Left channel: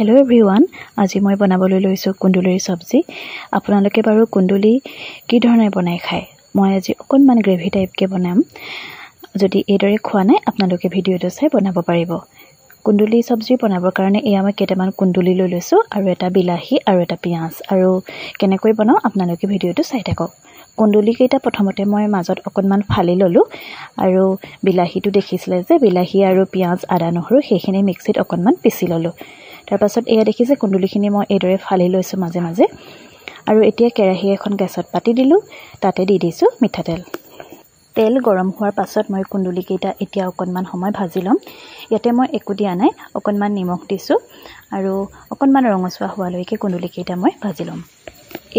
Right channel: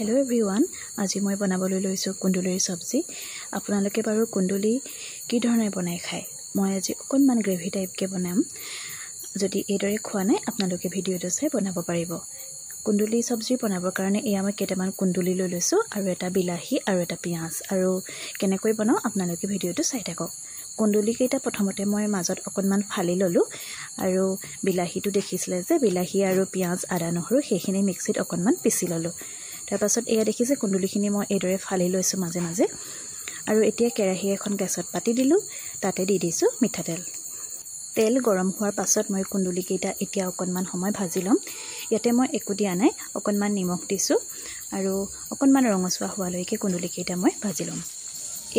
Hello everyone, আজি মই বনাবলৈ লৈছো কুন্দুলিৰ সবজি। আপোনালোকে বাৰু কুন্দুলি কি ধৰণে বনাই খায়? মই আজি অকনমান গ্ৰেভি টাইপ কে বনাম। যদি এদৰে খোৱা নাই আপোনালোকে ভিডিওটো চাই বনাব পাৰিব। কুন্দুলি সবজি বনাবৰ কাৰণে এয়া মই কেইটামান কুন্দুলি লৈ লৈছো আৰু এটা বিলাহী আৰু এটা পিয়াজ আৰু কেনেকৈ বনাও আপোনালোকে ভিডিওটো চাই থাকক। কুন্দুলি কেইটা প্ৰথমতে মই মাজত অকনমান ফালি ললো আৰু বিলাহীটো দেখিছিলে যে বিলাহী আৰু পিয়াজ আদা নহৰু সেইখিনি মিক্সিত অকনমান পিছি ললো। তাৰ পাছত এয়া দেখিছে কুন্দুলিখিনি মই এদৰে ফালি লৈছো মাজে মাজে আৰু এতিয়া কেৰাহী এখন গেছত পাতি দিলো তাতে দি দিছো মিঠাতেল। তেল গৰম হোৱাৰ পাছত মই কুন্দুলি কেইটা এতিয়া অকনমান সময় ভাজি লম। ইয়াতে মই একো দিয়া নাই, অকনমান নিমখ দিছো আৰু অকনমান ৰঙচুৱা হোৱালৈকে কুন্দুলি কেইটা মই ভাজি লম।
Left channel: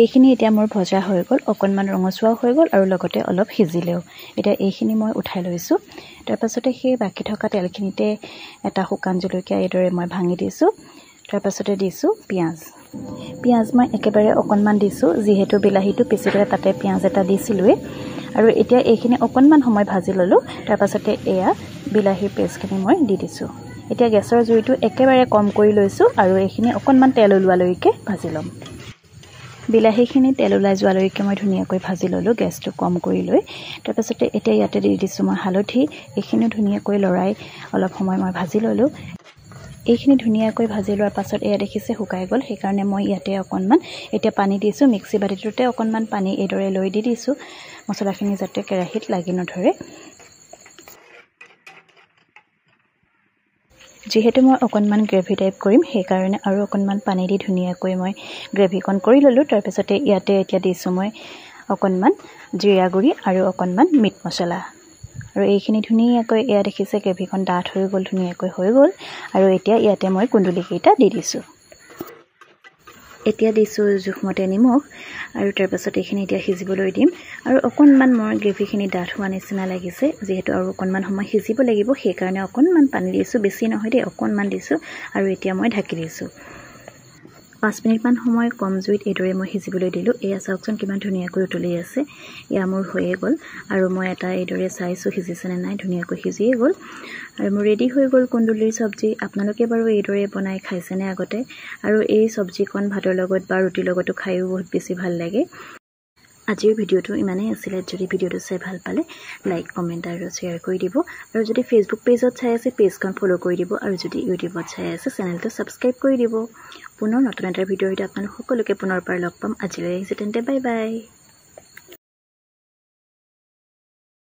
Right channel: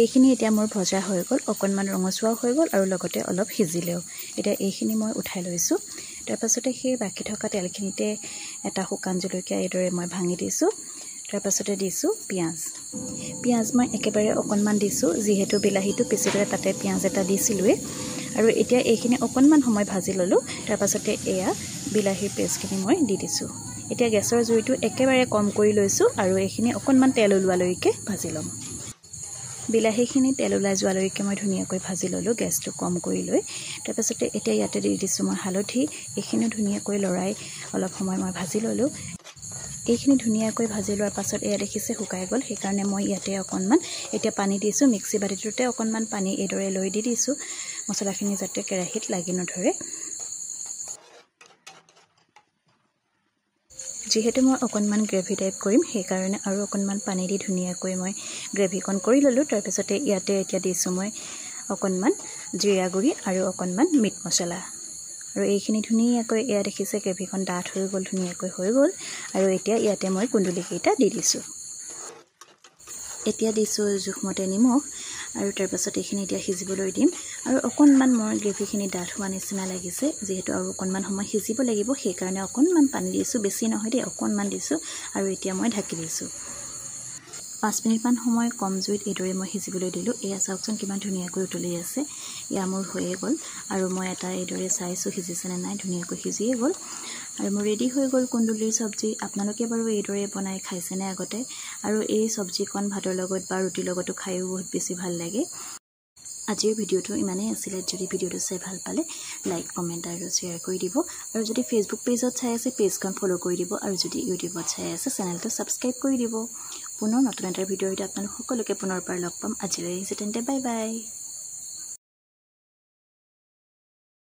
এইখিনি এতিয়া মোৰ ভজা হৈ গ'ল, অকনমান ৰঙচুৱা হৈ গ'ল আৰু লগতে অলপ সিজিলেও। এতিয়া এইখিনি মই উঠাই লৈছো। তাৰ পাছতে সেই বাকি থকা তেলখিনিতে এটা শুকান জলকীয়া এদৰে মই ভাঙি দিছো। তাৰ পাছতে দিছো পিয়াজ মই একেবাৰে অকনমান দিছো যিহেতু বিলাহীটো পিছিলে তাতে পিয়াজ এটা দিছিলুৱে আৰু এতিয়া এইখিনি অকনমান সময় ভাজি ললো। তাৰ পাছতে এয়া বিলাহীৰ পেষ্টখিনি মই দি দিছো। এতিয়া গেছৰ জুইটো একেবাৰে কম কৰি লৈছো আৰু এইখিনি অকনমান তেল ওলোৱালৈকে ভাজি লম। বিলাহীখিনি তেল ওলাই যোৱালৈকে মই ধুনীয়াকৈ ভাজি ললো গেছটো কম কৰি লৈ। তাৰ পাছতে এতিয়া ইয়াতে দি দিছো মই হালধি, এইখিনি ধুনীয়াকৈ লৰাই অলপ সময় মই ভাজি ললো। এইখিনি ধুনীয়াকৈ ভাজি লোৱাৰ পাছত এয়া দেখিছে শুকাই গ'ল, সেইকাৰণে মই ইয়াতে অকনমান এতিয়া পানী দিছো। মিক্সি বাতিটোতে অকনমান পানী এদৰে লৈ দি দিছো মছলাখিনি যাতে কেৰাহীত লাগি নধৰে। যেহেতু মই অকনমান গ্ৰেভি টাইপ কৰিম সেইকাৰণে আৰু অকনমান পানী দি ধুনীয়াকৈ মই গ্ৰেভিকন কৰি ললো। তাৰ পাছতে ইয়াতে এতিয়া দিছো মই অকনমান জিৰা গুৰি আৰু অকনমান মিট মছলা আৰু এইখিনি ধুনীয়াকৈ এয়া দেখিছে গ্ৰেভিকন ডাঠ হৈ গ'ল, ধুনীয়াকৈ হৈ গ'ল আৰু এতিয়া ইয়াতে মই কুন্দুলি কেইটা দি দিছো। এতিয়া দিছো জোখমতে নিমখ আৰু তাৰ পাছত এইখিনি এতিয়া সিজিবলৈ দিম আৰু অকনমান মোৰ গ্ৰেভিখিনি ডাঠ হোৱা নিচিনা লাগিছে যিহেতু আৰু অকনমান সময় সিজিব লাগিব সেইকাৰণে অকনমান পানী দিছো, বেছি নহয় দেই, অকনমান দিছো আৰু এতিয়া মই ঢাকি দিছো। 5 মিনিটমান সময় কম জুইত এদৰে মই সিজিবলৈ দিলো। এয়া চাওকচোন কিমান ধুনীয়াকৈ উতলি আছে। এয়া মোৰ হৈয়ে গ'ল আৰু মই এটা এদৰে চাইছো সিজিছে নে নাই, ধুনীয়াকৈ সিজিয়ে গ'ল আৰু মোৰ ৰেডি হৈ গ'ল কুন্দুলিৰ সবজি। আপোনালোকে বাৰু এইদৰে বনাই খাইছেনে আগতে? আৰু এই সবজিখন ভাতৰ লগত বা ৰুটিৰ লগতো খায়ো বহুত বেছি ভাল লাগে। আজিৰ ভিডিওটো ইমানেই আছিলে। যদি ভিডিওটো চাই ভাল পালে লাইক, কমেণ্ট আৰু শ্বেয়াৰ কৰি দিব আৰু যদি ফেচবুক পেজত চাই আছে পেজখন ফলো কৰি দিব আৰু যদি ইউটিউবত চাই আছে চেনেলটো ছাবস্ক্ৰাইব কৰি দিব। পুনৰ নতুন এটা ভিডিঅ'ত আপোনালোক সকলোকে পুনৰবাৰ লগ পাম। আজিলৈ আহিছে তেন্তে বাই বাই।